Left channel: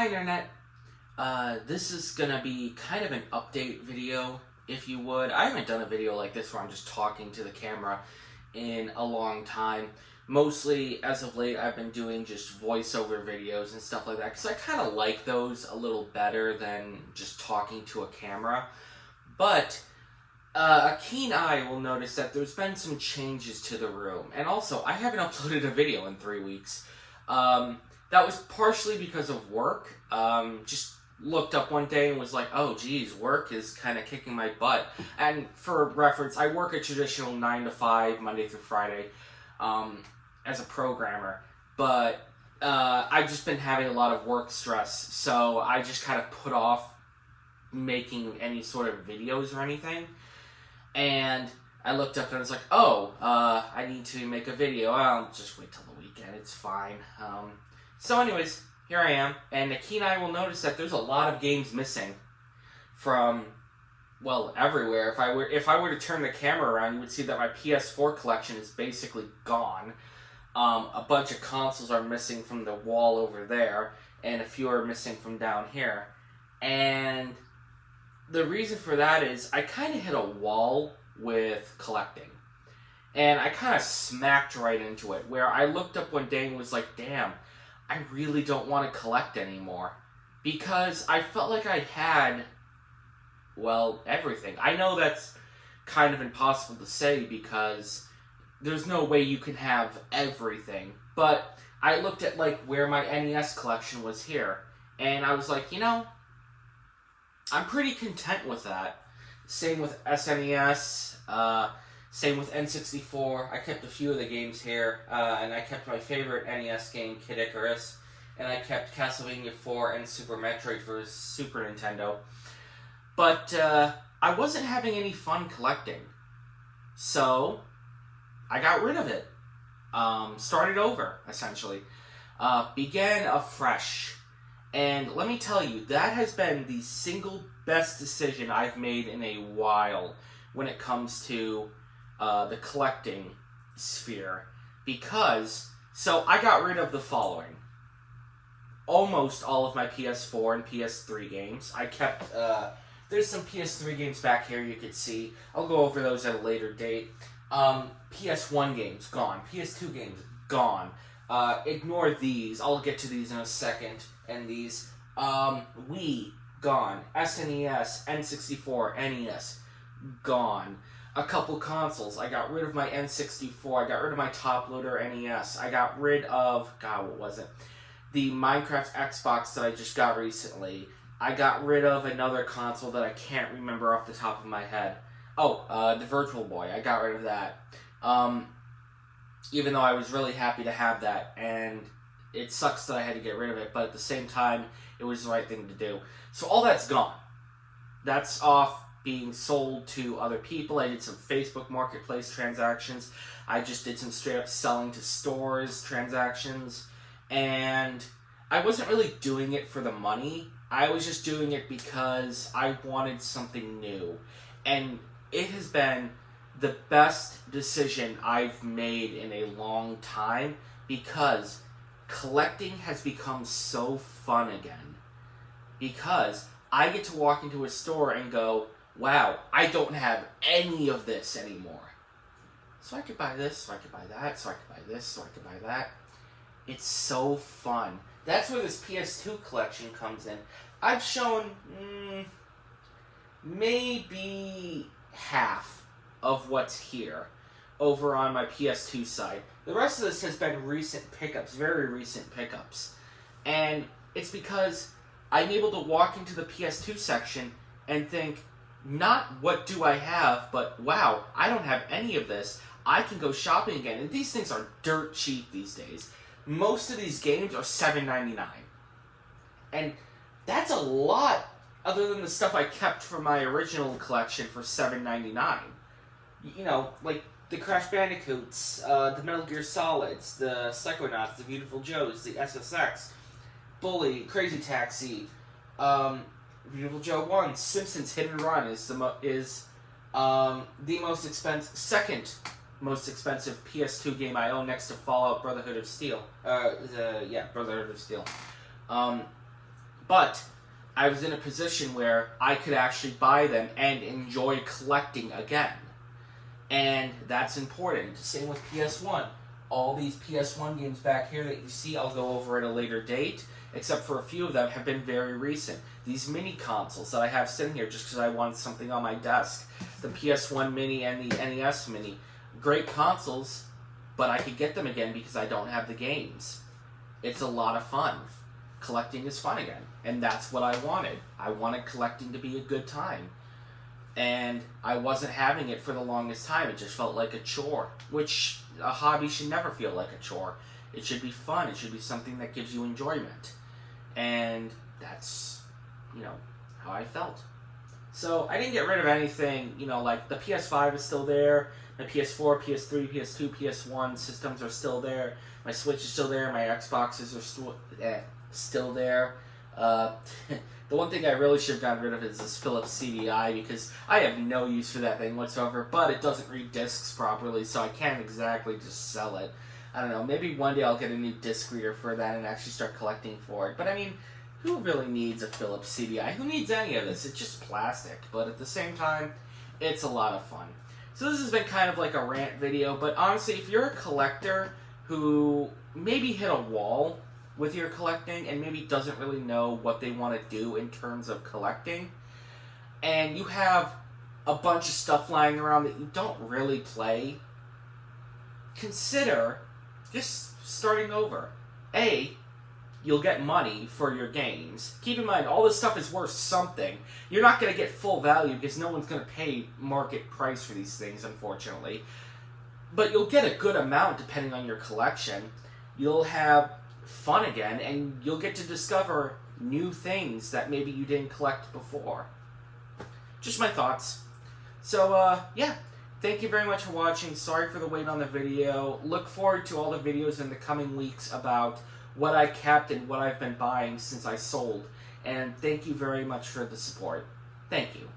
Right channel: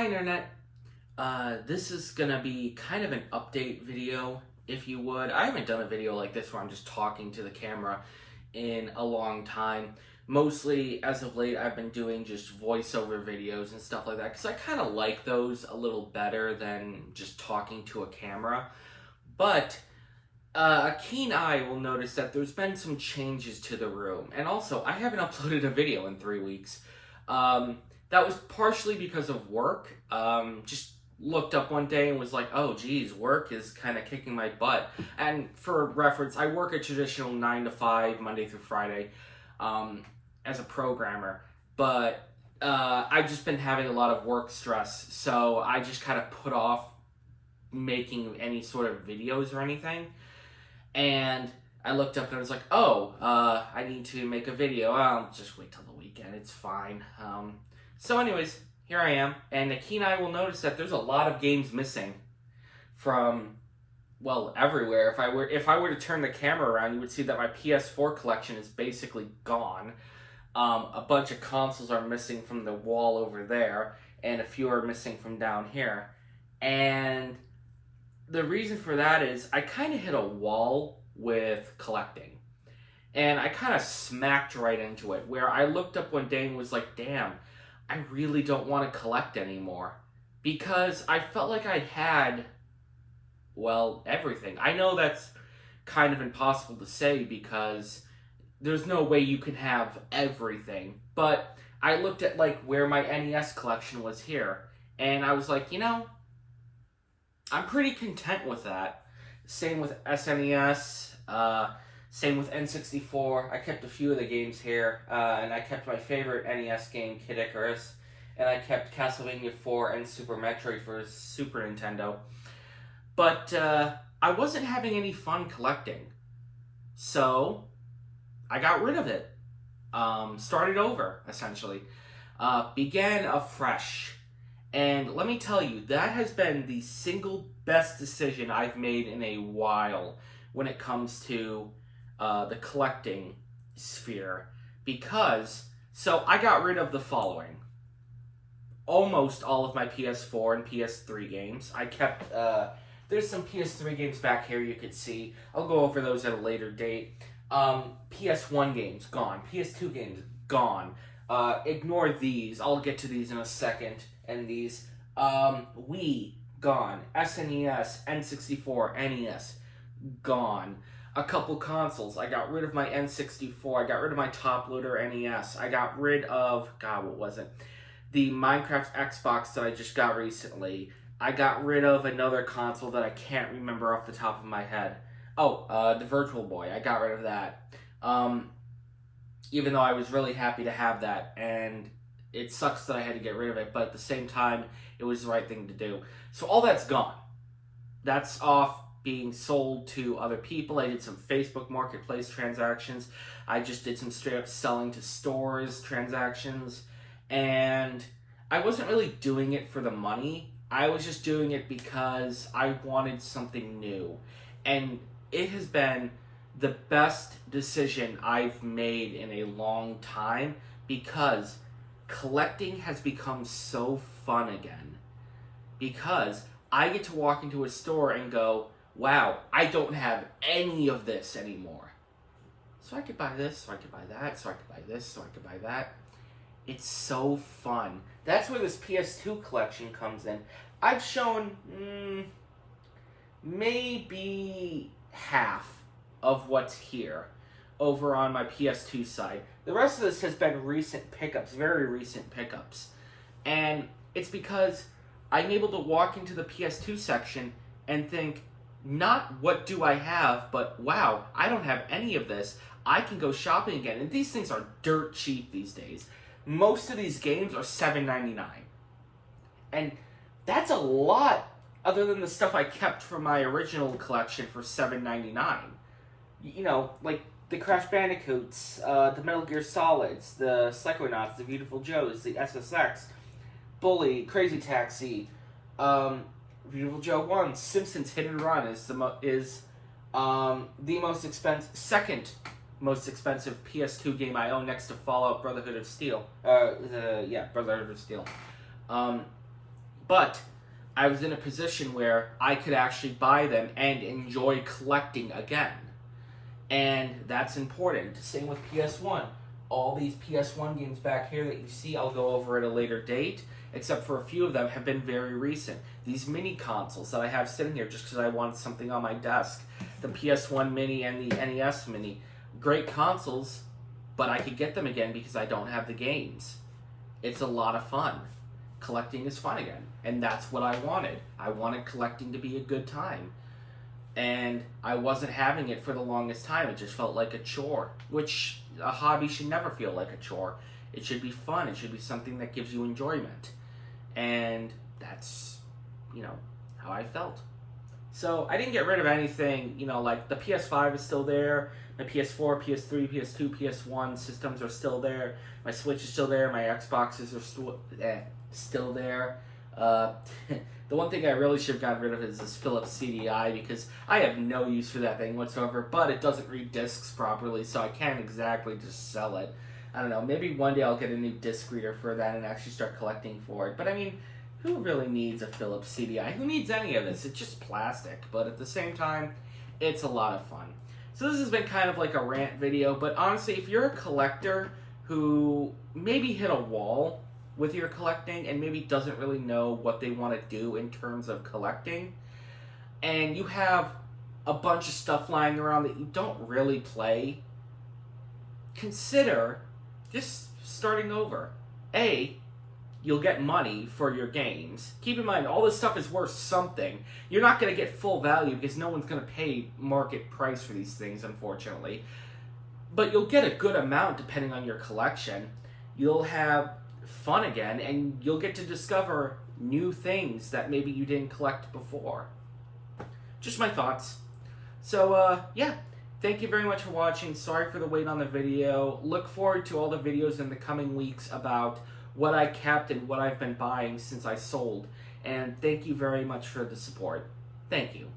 Hi Internet. This is gonna be kind of an update video, if you would. I haven't done a video like this where I'm just talking to the camera in a long time. Mostly, as of late, I've been doing just voiceover videos and stuff like that, because I kind of like those a little better than just talking to a camera. But a keen eye will notice that there's been some changes to the room. And also, I haven't uploaded a video in 3 weeks. That was partially because of work. Just looked up one day and was like, oh geez, work is kind of kicking my butt. And for reference, I work a traditional 9 to 5, Monday through Friday, as a programmer. But I've just been having a lot of work stress, so I just kind of put off making any sort of videos or anything. And I looked up and I was like, oh, I need to make a video. I'll just wait till the weekend, it's fine. So anyways, here I am, and a keen eye will notice that there's a lot of games missing from, well, everywhere. If I were to turn the camera around, you would see that my PS4 collection is basically gone. A bunch of consoles are missing from the wall over there, and a few are missing from down here. And the reason for that is I kind of hit a wall with collecting. And I kind of smacked right into it, where I looked up one day and was like, damn, I really don't want to collect anymore. Because I felt like I had, well, everything. I know that's kind of impossible to say because there's no way you can have everything. But I looked at like where my NES collection was here, and I was like, you know, I'm pretty content with that. Same with SNES, same with N64. I kept a few of the games here, and I kept my favorite NES game, Kid Icarus, and I kept Castlevania 4 and Super Metroid for Super Nintendo. But I wasn't having any fun collecting, so I got rid of it. Started over, essentially. Began afresh. And let me tell you, that has been the single best decision I've made in a while when it comes to the collecting sphere. Because, so I got rid of the following. Almost all of my PS4 and PS3 games. I kept, there's some PS3 games back here you could see. I'll go over those at a later date. PS1 games, gone. PS2 games, gone. Ignore these. I'll get to these in a second. And these, Wii, gone. SNES, N64, NES, gone. A couple consoles. I got rid of my N64. I got rid of my top loader NES. I got rid of, God, what was it? The Minecraft Xbox that I just got recently. I got rid of another console that I can't remember off the top of my head. Oh, the Virtual Boy. I got rid of that. Even though I was really happy to have that, and it sucks that I had to get rid of it, but at the same time, it was the right thing to do. So all that's gone. That's off being sold to other people. I did some Facebook Marketplace transactions. I just did some straight up selling to stores transactions. And I wasn't really doing it for the money. I was just doing it because I wanted something new. And it has been the best decision I've made in a long time because collecting has become so fun again. Because I get to walk into a store and go, wow, I don't have any of this anymore. So I could buy this, so I could buy that, so I could buy this, so I could buy that. It's so fun. That's where this PS2 collection comes in. I've shown maybe half of what's here over on my PS2 side. The rest of this has been recent pickups, very recent pickups. And it's because I'm able to walk into the PS2 section and think, not what do I have, but wow, I don't have any of this. I can go shopping again. And these things are dirt cheap these days. Most of these games are $7.99. And that's a lot other than the stuff I kept from my original collection for $7.99. You know, like the Crash Bandicoots, the Metal Gear Solids, the Psychonauts, the Beautiful Joes, the SSX, Bully, Crazy Taxi, Beautiful Joe 1, Simpsons Hit and Run is the most expensive, second most expensive PS2 game I own next to Fallout Brotherhood of Steel. Brotherhood of Steel. But I was in a position where I could actually buy them and enjoy collecting again. And that's important. Same with PS1. All these PS1 games back here that you see, I'll go over at a later date, except for a few of them have been very recent. These mini consoles that I have sitting here just because I wanted something on my desk. The PS1 Mini and the NES Mini. Great consoles, but I could get them again because I don't have the games. It's a lot of fun. Collecting is fun again, and that's what I wanted. I wanted collecting to be a good time. And I wasn't having it for the longest time. It just felt like a chore, which a hobby should never feel like a chore. It should be fun. It should be something that gives you enjoyment. And that's, how I felt. So I didn't get rid of anything, like the PS5 is still there. My PS4, PS3, PS2, PS1 systems are still there. My Switch is still there. My Xboxes are still there. The one thing I really should have gotten rid of is this Philips CDI because I have no use for that thing whatsoever, but it doesn't read discs properly, so I can't exactly just sell it. I don't know, maybe one day I'll get a new disc reader for that and actually start collecting for it. But I mean, who really needs a Philips CDI? Who needs any of this? It's just plastic, but at the same time, it's a lot of fun. So this has been kind of like a rant video, but honestly, if you're a collector who maybe hit a wall with your collecting and maybe doesn't really know what they want to do in terms of collecting, and you have a bunch of stuff lying around that you don't really play, consider just starting over. You'll get money for your games. Keep in mind, all this stuff is worth something. You're not going to get full value because no one's going to pay market price for these things, unfortunately. But you'll get a good amount depending on your collection. You'll have fun again, and you'll get to discover new things that maybe you didn't collect before. Just my thoughts. So, yeah. Thank you very much for watching. Sorry for the wait on the video. Look forward to all the videos in the coming weeks about what I kept and what I've been buying since I sold. And thank you very much for the support. Thank you.